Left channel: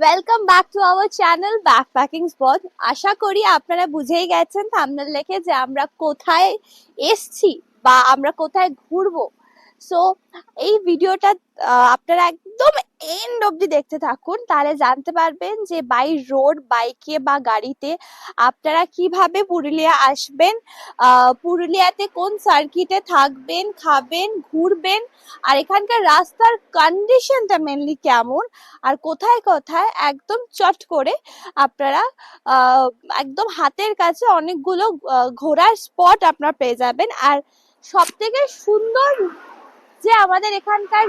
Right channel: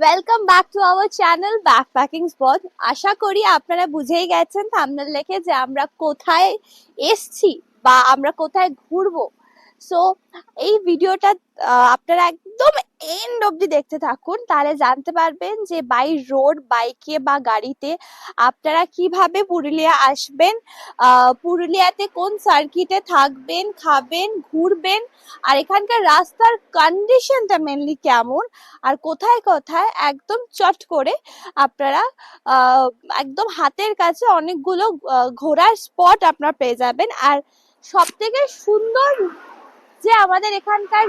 Welcome back to our channel backpacking spot. আশা করি আপনারা বুঝেই গেছেন থাম্বনেল দেখে যে আমরা কোথায় এসছি বা আমরা কোথায় ঘুরবো। সো এই ভিডিওটা আপনারা একদম এন্ড অবধি দেখতে থাকুন, তাহলে জানতে পারবেন যে বাই রোড, বাইকে বা গাড়িতে আপনারা কিভাবে পুরুলিয়া আসবেন, পুরুলিয়াতে কোন সার্কিটে থাকবেন, খাবেন, ঘুরবেন, আর এখানকার রাস্তার কন্ডিশনটা মেনলি কেমন, আর কোথায় কোথায় একদম চট করে আপনারা একদম হাতের কাছে অনেকগুলো ঘোরার স্পট আপনারা পেয়ে যাবেন। আর সব থেকে সুন্দর যে আমাদের এখানকার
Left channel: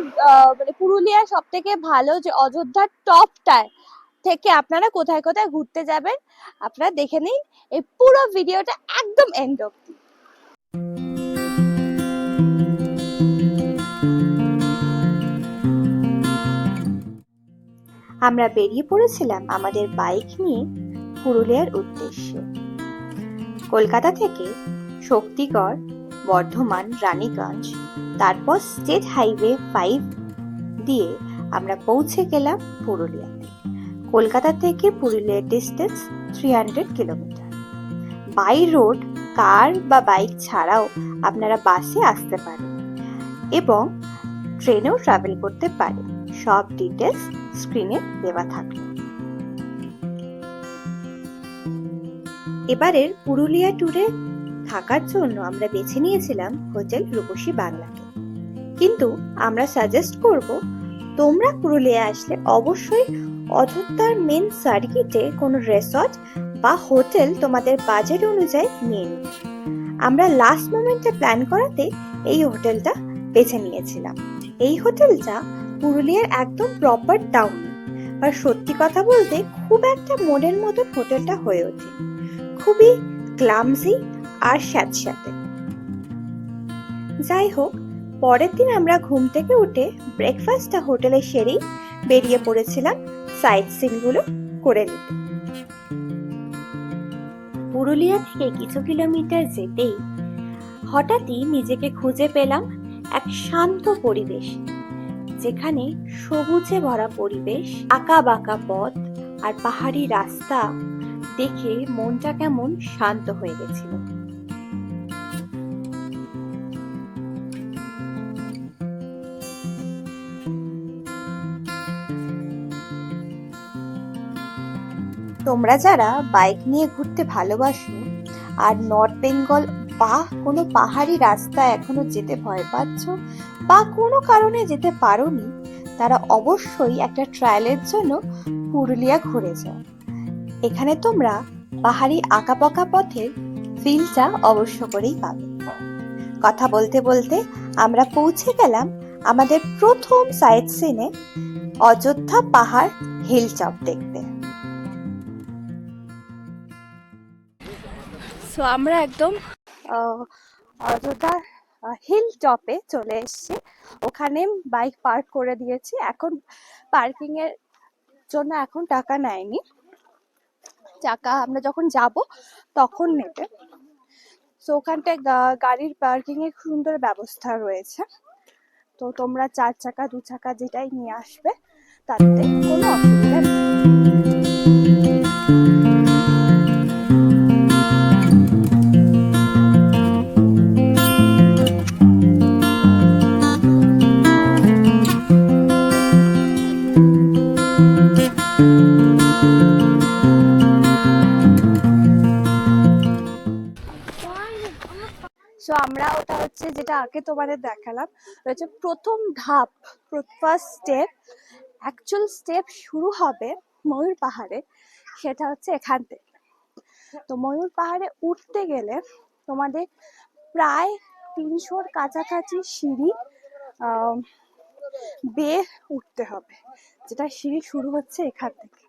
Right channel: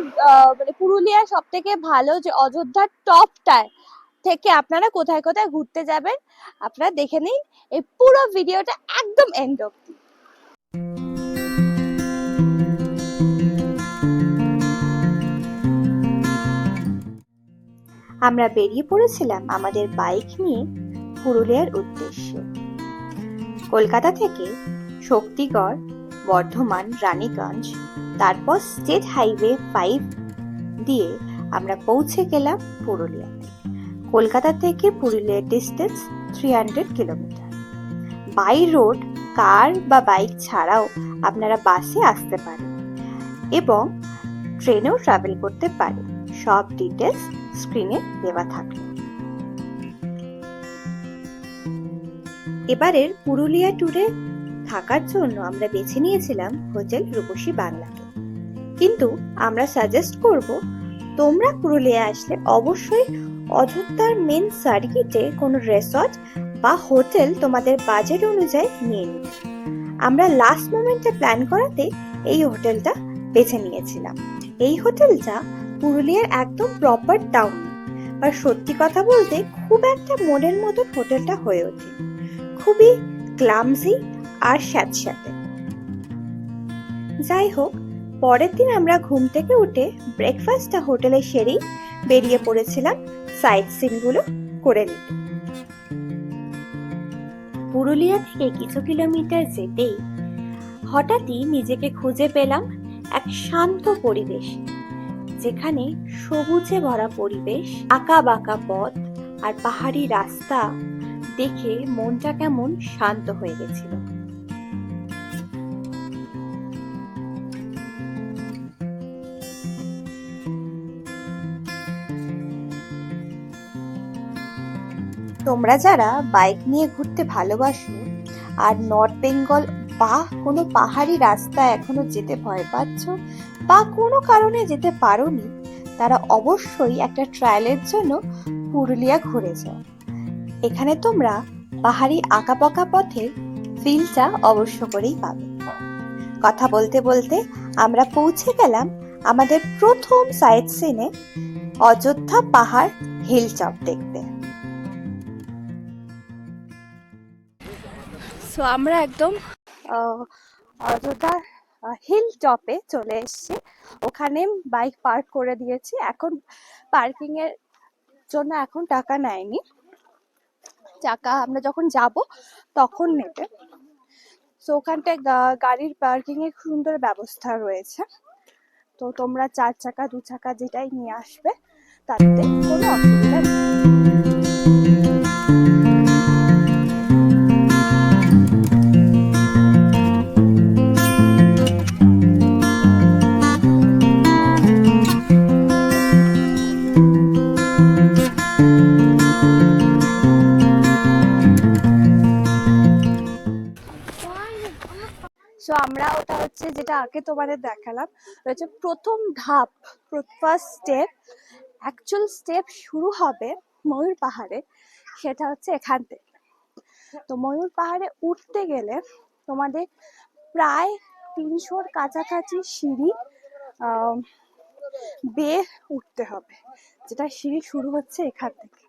মানে পুরুলিয়ার সব থেকে ভালো যে অযোধ্যার টপটায় থেকে আপনারা কোথায় কোথায় ঘুরতে যাবেন আপনারা দেখে নিন এই পুরো ভিডিওটা একদম এন্ড অবধি। আমরা বেরিয়ে পড়েছিলাম আমাদের বাইক নিয়ে পুরুলিয়ার উদ্দেশ্যে। কলকাতা থেকে শক্তিগড়, বর্ধমান, রানীগঞ্জ, তারপর স্টেট হাইওয়ে 5 দিয়ে আমরা পৌঁছে গেলাম পুরুলিয়াতে। কলকাতা থেকে পুরুলিয়ার ডিস্টেন্স 300 কিলোমিটার। বাই রোড কার বা বাইক ছাড়াও আপনারা বাসে আসতে পারেন এবং ট্রেনেও ট্রাভেল করতে পারেন। সব ডিটেলস স্ক্রিনে দেওয়া থাকলো। এবারের পুরুলিয়া ট্যুরে থাকার জন্য আমরা বেছে নিয়েছিলাম হোটেল রূপসী বাংলাকে, কিন্তু আমরা সাজেস্ট করব তোমরা পুরুলিয়া আসলে অবশ্যই অযোধ্যার মেন সার্কিটে কোনো রিসর্ট বা হোটেল তোমাদের বাজেট অনুযায়ী নিয়ে নিন। আমরা লাস্ট মোমেন্টে প্ল্যান করাতে এই হোটেলটা বেছে নিয়েছিলাম। এই হোটেলটা পুরুলিয়ার একদম প্রপার টাউন, আর সত্যি কথা বলতে খুব একটা মনের মতন হোটেলটা হয়ে ওঠে, খুবই ক্লামজি আর স্যাঁতস্যাঁতে। যাই হোক, পরের দিন আমরা ঘুম থেকে উঠে ব্রেকফাস্টটা হোটেলে সেরেই বেরিয়ে পড়েছিলাম সাইট সিনগুলো করে নিতে। পুরুলিয়া থেকে কিছু কিলোমিটার যেতেই হঠাৎই নিজেকে খুঁজে পেলাম এক শান্ত পরিবেশ, যেখানে সবুজে ভরা পরিবেশ, আঁকা বাঁকা পথ আর পাহাড়ি রাস্তা দেখে মনটা কেমন শান্ত হয়ে গেছিল। তোমরা যারা বাইক নিয়ে ঘুরতে ভালোবাসো আর নর্থ বেঙ্গল বা কোনো পাহাড়ি রাস্তা এখনো যেতে ভয় পাচ্ছ বা কোনো কারণে যেতে পারোনি, তারা অবশ্যই একটা ট্রায়ালের জন্য পুরুলিয়া ঘুরে যাও। এখানে তোমরা পাহাড়ি আঁকাবাঁকা পথের ফিলটা অবশ্য করেই পাবে। কথা বলতে বলতে আমরা পৌঁছে গেলাম আমাদের প্রথম সাইট সিনে, অযোধ্যা পাহাড় হিল টপ দেখতে। সো আমরা একদম অযোধ্যা হিল টপে চলে এসেছি। ওখানে বাইক পার্ক করে দিয়েছি, এখন পার্কিং এর জন্য এখন টাকা নেয়নি, টাকা আমরা যখন যাব তখন নেবে। সো ওখানটায় গাড়ির পার্কিং এর সুন্দর ব্যবস্থা রয়েছে, তো তোমরা 4 চাকা 2 চাকা যেটাই নিয়ে আসবে তাতে কোনো অসুবিধা নেই। সো আমরা ওটা হচ্ছে যেটা আগে তোমাদের দেখালাম, হচ্ছে প্রথম ধাপ, ফার্স্ট স্টেপ। অ্যাকচুয়াল স্টেপ শুরু হবে ময়ূর পাহাড়ে, সেটা হচ্ছে এখান থেকে। তো ময়ূর পাহাড়ে উঠতে গেলে তোমাদের প্রায় 300-র কাছাকাছি সিঁড়ি বেয়ে উঠতে হবে, যেটা সিঁড়ি শুরু হচ্ছে এখান থেকে।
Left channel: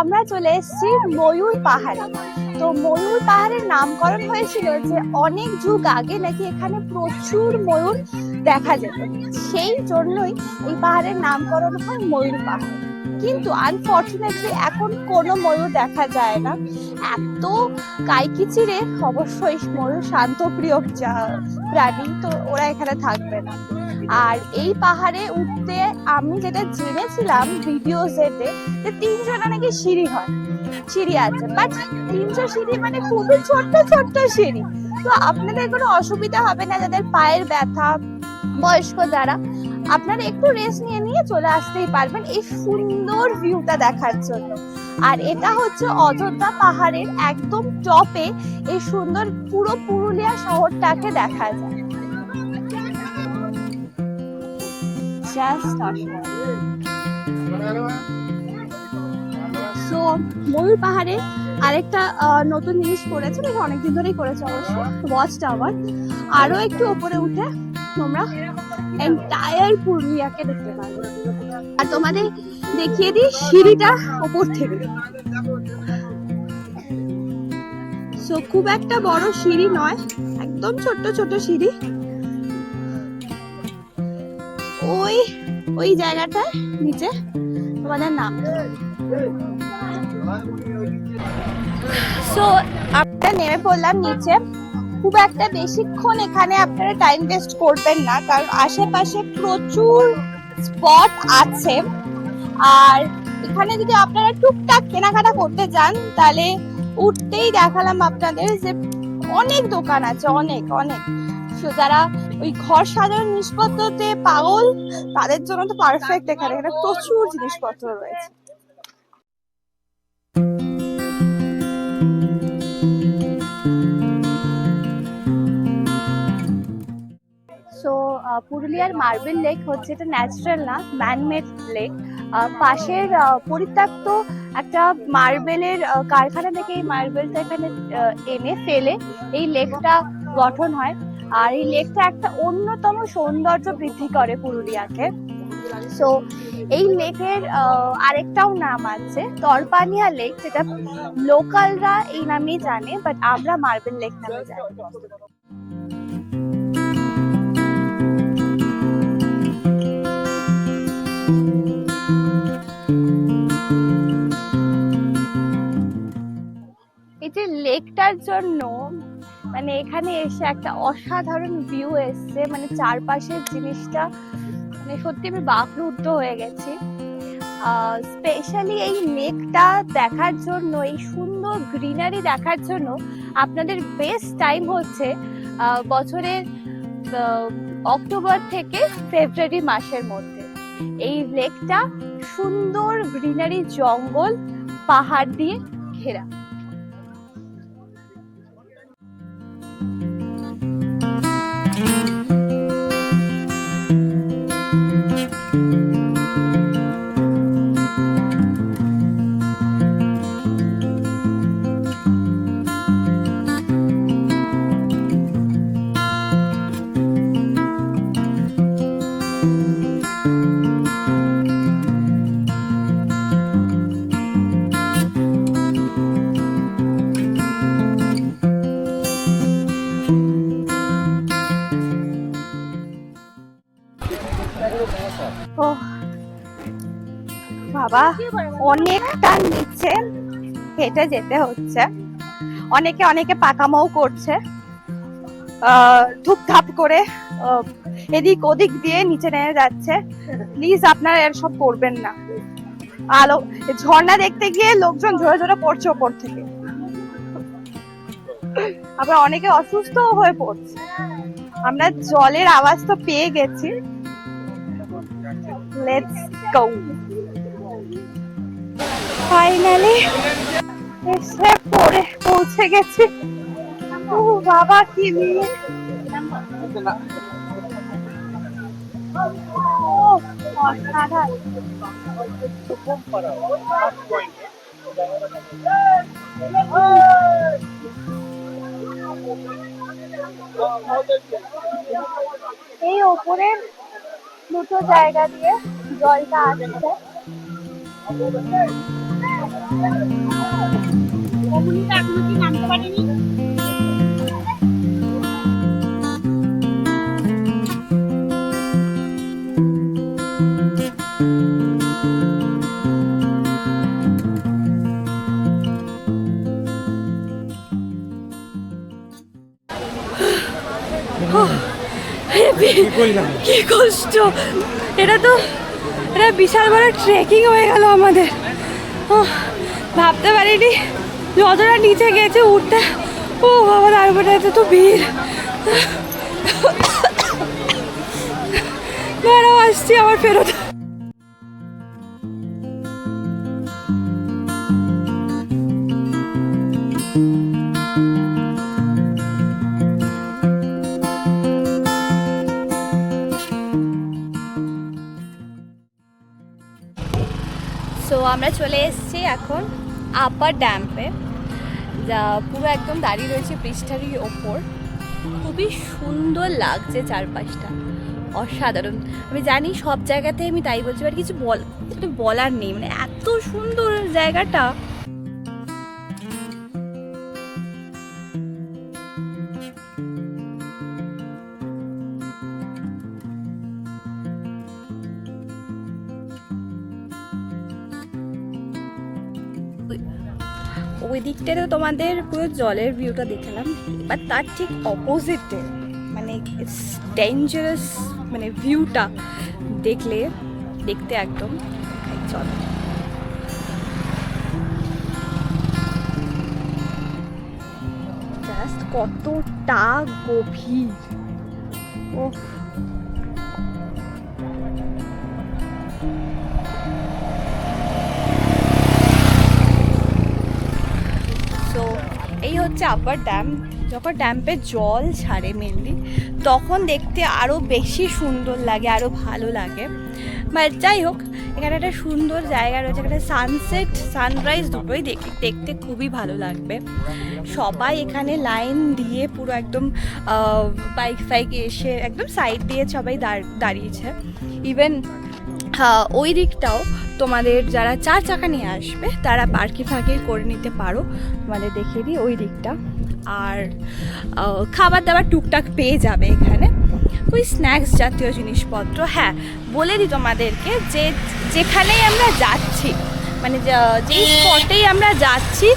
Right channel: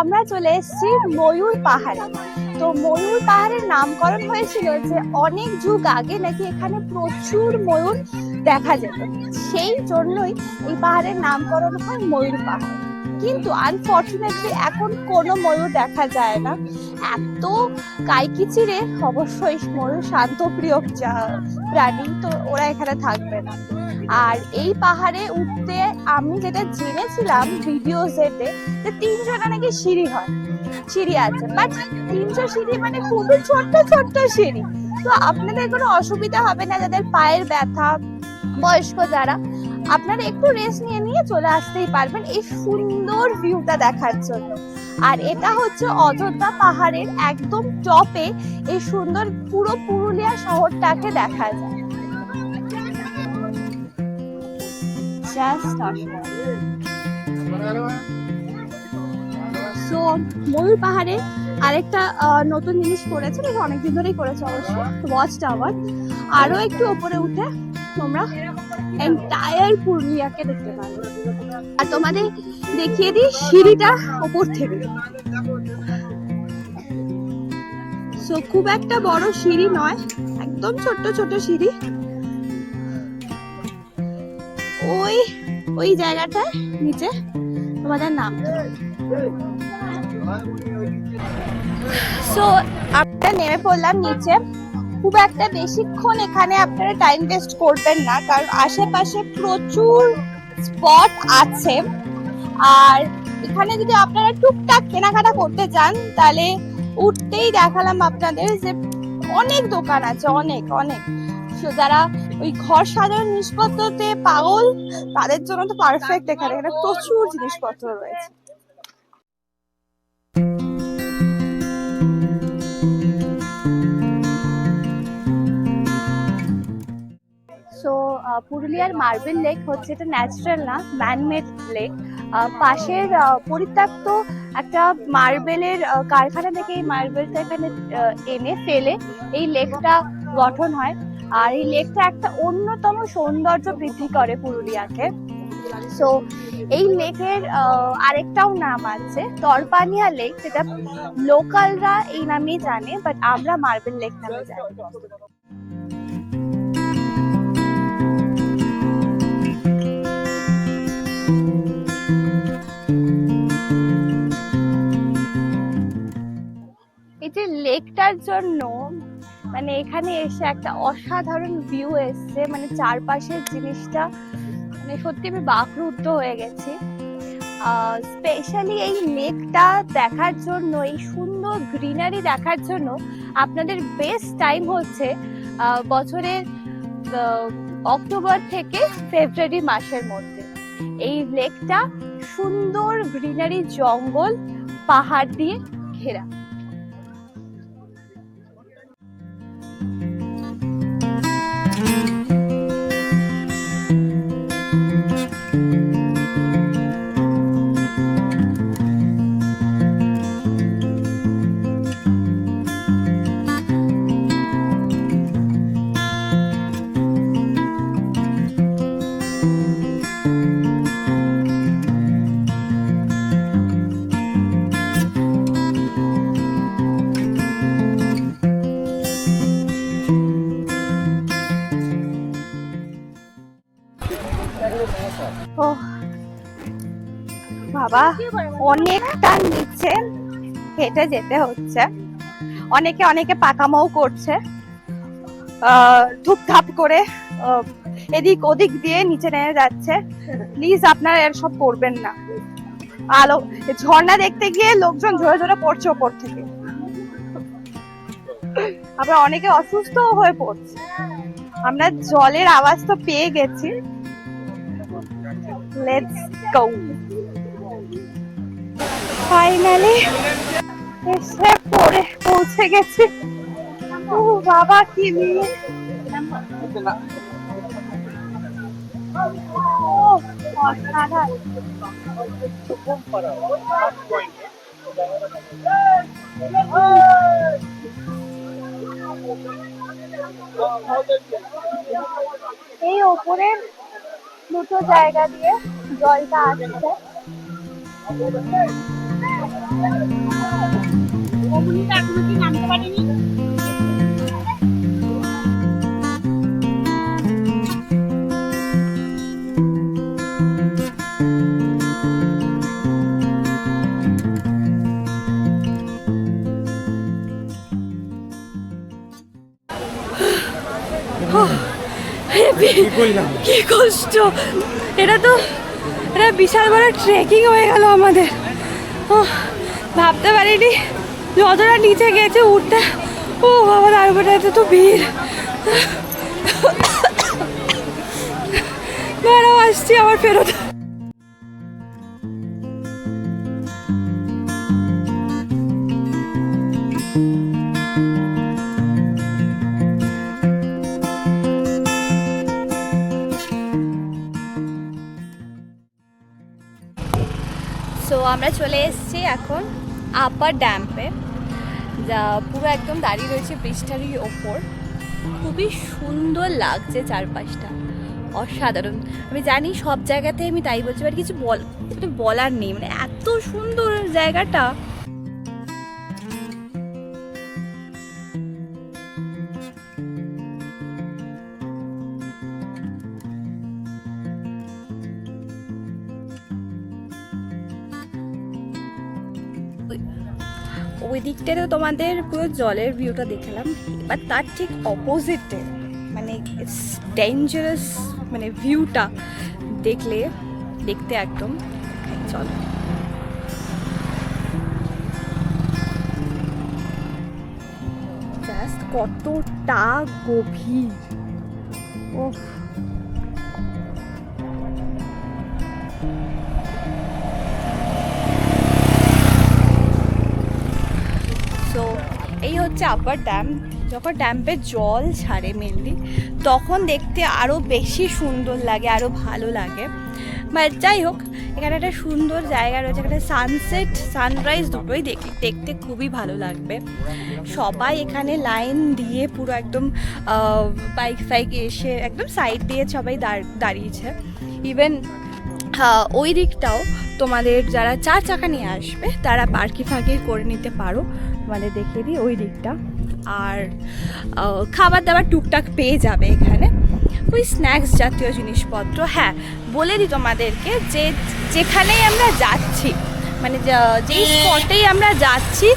আমরা চলে এসেছি ময়ূর পাহাড়ে। তো ময়ূর পাহাড়ের নামকরণ হয়েছিল যে অনেক যুগ আগে নাকি এখানে প্রচুর ময়ূর দেখা যেত, সেই জন্যই এই পাহাড়ের নামকরণ হয় ময়ূর পাহাড়। কিন্তু আনফর্চুনেটলি এখন কোনো ময়ূর দেখা যায় না। এত কাইকিচিরে অবশ্যই ময়ূর শান্তপ্রিয় প্রাণী, তো ওরা এখানে থাকবে না। আর এই পাহাড়ে উঠতে আমি যেটা জেনেছিলাম ভিডিওসেতে যে 300টা নাকি সিঁড়ি হয়, সিঁড়ি আছে, বাট 300 সিঁড়ি মানে খুবই ছোট্ট ছোট্ট সিঁড়ি। তো আপনাদের কোনো অসুবিধা হবে না, যাদের পায়ের ব্যথা, বয়স্ক যারা, আপনারা একটু রেস্ট নিয়ে নিয়ে চলে আসতেই পারবেন এই সুন্দর ভিউটা দেখার জন্য। আর এটা হচ্ছে অযোধ্যা পাহাড়ের একদম টপে, এই সুন্দর পুরো পুরুলিয়া শহরটাকে দেখা যায়। সো ময়ূর পাহাড়ে আরেকটা নতুন জিনিস করেছে, অনেকদিন ধরেই করেছে অবশ্য, ওয়াচ টাওয়ার। আরো একটু উপরে উঠে তোমরা এন্টায়ার পুরুলিয়াকে দেখতে পারবে। আর তোমাদের দেখিয়ে দিই সিঁড়িটা উপর থেকে। সো খুব একটা বড় সিঁড়ি নয়, একদম ছোট্ট ছোট সিঁড়ি। ওই ওই জায়গাটা নিচে তোমাদের নাম। সো আমরা নেমে পড়লাম নিচে। খুব একটা বেশিক্ষণ এখানে আপনারা টাইম ওয়েস্ট করবেন না, কারণ আশেপাশে প্রচুর স্পট আছে। আর এখানে যদি আপনারা টুকটাক কেনাকাটা করতে যান তাহলে উঠতেই দেখালাম আপনাদের যে অনেক দোকান আছে, অনেক অনেক। যারা ওই ঘর সাজানোর জিনিসপত্রতে পাগল তাদের জন্য তো পারফেক্ট। এখানে প্রচুর জিনিসপত্র রয়েছে। সো পুরুলিয়ার মার্বেল লেক হচ্ছে, এটা ন্যাচারাল না, ম্যানমেড লেক। পাশের পরিত্যক্ত একটা মার্বেলের কারখানা থেকে এই মার্বেলটা এখানে এনে ফেলে এই লেকটা গঠন হয়। আর এই লেকটা একটা অন্যতম সৌন্দর্য বৃদ্ধি করে পুরুলিয়াকে। সো এই লেকের আরেকটাও নাম আছে তরপানিয়া লেক, যেটা লোকালরা এই নামেই জানে, বাট আমরা মার্বেল লেক নামে জানি। এই যে লেকটার জন্য মানে এখানে এসে একটা অসাধারণ ভিউ এসছে, মানে চারপাশের জিনিসটা মানে সত্যি আমি বাকরুদ্ধ হয়ে গেছি। স্পেশালি এই লেকটা দেখার জন্য, এই সুন্দর গ্রিনারি দেখার জন্য আপনাদের বেস্ট টাইম হচ্ছে বছরের অক্টোবর থেকে ফেব্রুয়ারি মাসের মধ্যে। এই লেকটা সুন্দর গ্রিনারি, জঙ্গল, পাহাড় দিয়ে ঘেরা। ও বাবা, অনেকটা নিচে হেঁটে যেতে হচ্ছে। অনেকে অনেকে পাকামাও করছে, ধুপধাপ করে এদিক ওদিক দিয়ে নিচে নেমে যাচ্ছে। প্লিজ আপনারা এর সব করবেন না। আলো ঝর্ণা দেখতে গিয়ে লোকজন ঝরে ঝরে পড়ছে ওপর থেকে, আবার অনেকে অসুস্থ হয়ে পড়ছে। আমরা জলের আওয়াজ তো পেয়ে গেছি। Let's go. ফাইনালি এসে পৌঁছে গেছি। ও বাবা, কি নিয়ে এই ওপরের দুটো জায়গা দিয়ে জলটা আসছে। এখনো কি নামতে পারেনি। কি কষ্ট, এটা বিশাল বড় ট্রেকিং হয়ে গেল আমাদের। ভাবতে পারিনি যতটা নিচে গেছে উঠতে, ও বাবা তারপরে এত তো ভিড়। দাঁড়াও আসছি আমার ফেরত। সো আমরা চলে এসেছি এখন আপার ড্যাম্পে, যা পুরো একদম দাঁড়িয়ে রয়েছে পৃষ্ঠারির ওপর। খুবই সুন্দর লাগছে চারপাশটা, অসাধারণ। আমি জানি সব জায়গাতে আমি তাই বলছি, বাট কিছু বলার নেই, মানে এত সুন্দর জায়গাটা। ওই দিকটাতে তোমাদের পুরো জলের ভিউটা দেখালাম, বাট তার ঠিক অপোজিটে মানে ইটস ডেঞ্জারাস, মানে ভিউটা দেখতে একদম চল। জাস্ট কতটা গভীর, ও এই হচ্ছে আপার ড্যাম। যখন ড্যাম্পে জল ছাড়ে মেনলি, তখন দেখতে আরও বেশি সুন্দর লাগে, আরও ভালো লাগে। বাট যাই হোক, এখানে একটা সুন্দর জায়গা রয়েছে, এখানে সানসেট সানরাইজ দুটোই দেখতে খুবই ভালো লাগবে। সবাই এখানে লাইন দিয়ে পুরো একদম বাইক এসে একদম সাইড দিয়ে সবাই দাঁড়িয়েছে। ইভেন ওই দিকটাও তোমাদের যারা 4 চাকা নিয়ে আসবে তারা পার্কিং করে নিতে পারো, তোমাদের দেখিয়ে দিই ওই দিকটা। আর খাবার দাবার টুকটাক পেয়ে যাবে এখানে, ওই স্ন্যাক্স জাতীয় জিনিসপত্র। হ্যাঁ, বলে দিই তোমাদেরকে যে যেখানেই আমরা যাচ্ছি, মানে যেই স্পটেই আমরা যাচ্ছি,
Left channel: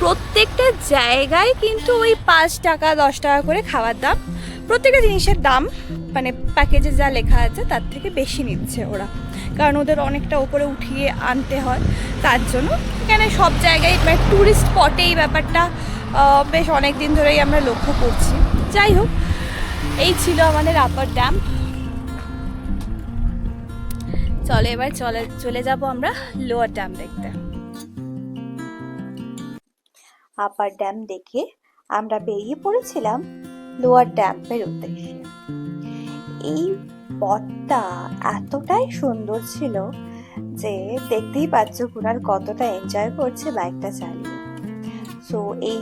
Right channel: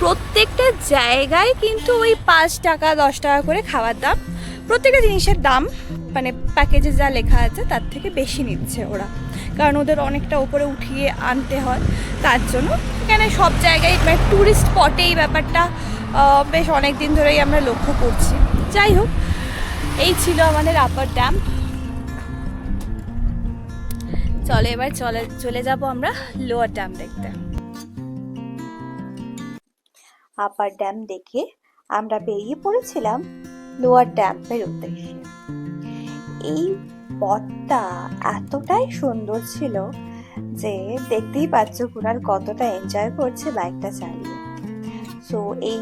প্রত্যেকটা জায়গায় কিন্তু ওই 5 টাকা 10 টাকা করে খাওয়ার দাম। প্রত্যেকটা জিনিসের দাম মানে প্যাকেজে যা লেখা আছে তার থেকে বেশি নিচ্ছে ওরা, কারণ ওদের অনেকটা উপরে উঠিয়ে আনতে হয়। তার জন্য এখানে সব জায়গায় মানে ট্যুরিস্ট স্পটে এই ব্যাপারটা বেশ অনেক দিন ধরেই আমরা লক্ষ্য করছি। যাই হোক, এই ছিল আমাদের আপার ড্যাম। চলো এবার চলে যাব আমরা লোয়ার ড্যাম দেখতে। আপার ড্যাম দেখে আমরা বেরিয়ে পড়েছিলাম লোয়ার ড্যামের উদ্দেশ্যে। এই পথটা এতটাই সুন্দর ছিল যে দেখতেই পাচ্ছ কুনাল কতটা এনজয় করছে বাইকটা চালিয়ে। সো এই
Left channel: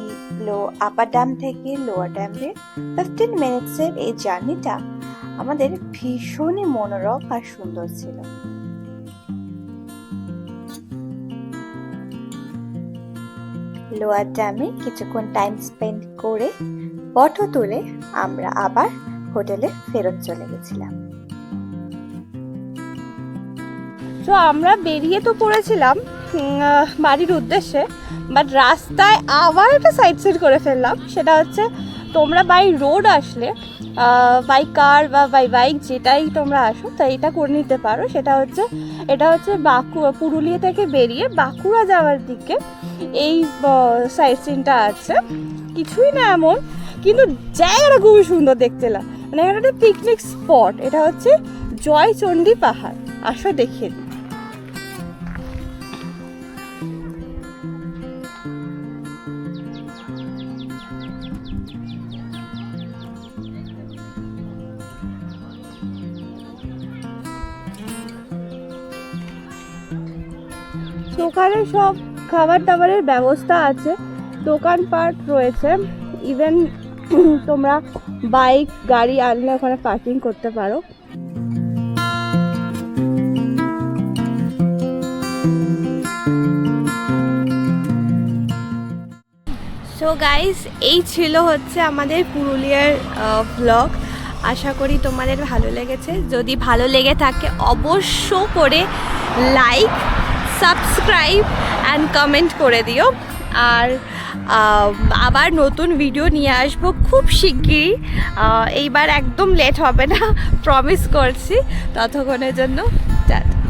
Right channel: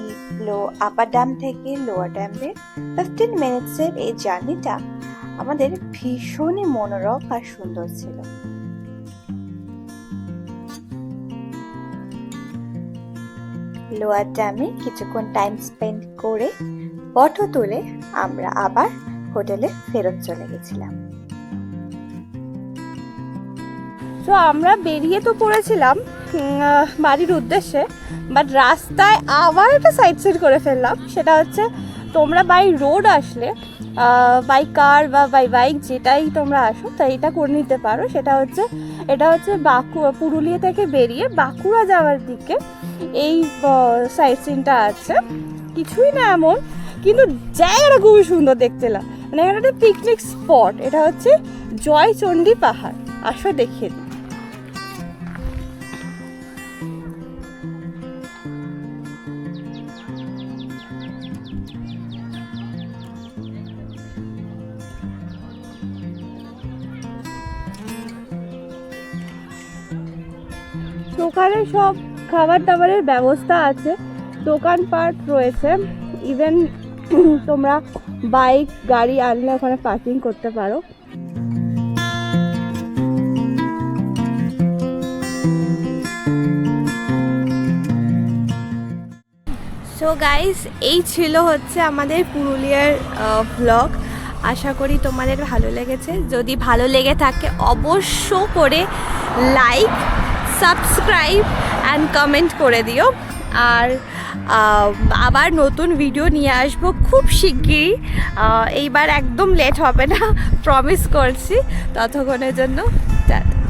আপার ড্যাম থেকে লোয়ার ড্যামে 15 মিনিটসের এই জার্নিটা আমাদের ভীষণই মনোরম আর সুন্দর ছিল। লোয়ার ড্যামে কিছুক্ষণ টাইম স্পেন্ড করে ফটো তুলে আমরা আবার হোটেলে ফেরত চলে গেছিলাম। তো আমরা বেরিয়ে তো পড়েছিলাম বাড়ির উদ্দেশ্যে, বাট রাস্তায় আবার একটা সাইড সিট করে ফেললাম। সেটা হচ্ছে, তোমরা বাই রোড আসলে, বাই কার বা বাই বাইক যেটাই তোমরা আসো, তাই এটা করে নিতে পারো। এটা হচ্ছে পুরুলিয়া থেকে বেরিয়ে বাঁকুড়া যাওয়ার দিকে এই সাইড সিনটা আছে। কিছুই না এমন, কিন্তু জায়গাটা খুবই সুন্দর দেখতে লাগে, মানে এখানে একটা পিকনিক স্পট। এটা হচ্ছে জয়চণ্ডী পাহাড়, আসো দেখিয়ে দিই। ওখানে সব খাবার দাবারের ব্যবস্থা আছে, দোকানপাট রয়েছে। ইভেন তোমরা বাইক গাড়ি আনলে ওখানে পার্কিং করতে পারো। সো গাইস, এই ছিল হচ্ছে আমাদের পুরুলিয়ার ভ্লগ। আশা করি তোমাদের ভালো লেগেছে। যদি ভালো লেগে থাকে অবশ্য করে লাইক, সাবস্ক্রাইব অ্যান্ড কমেন্ট করে দিও। আর আবার নতুন ভিডিও নিয়ে আসবো খুব শিগগিরই। এইবার একদম লেট হবে না, প্রমিস করছি। ততক্ষণের জন্য টাটা।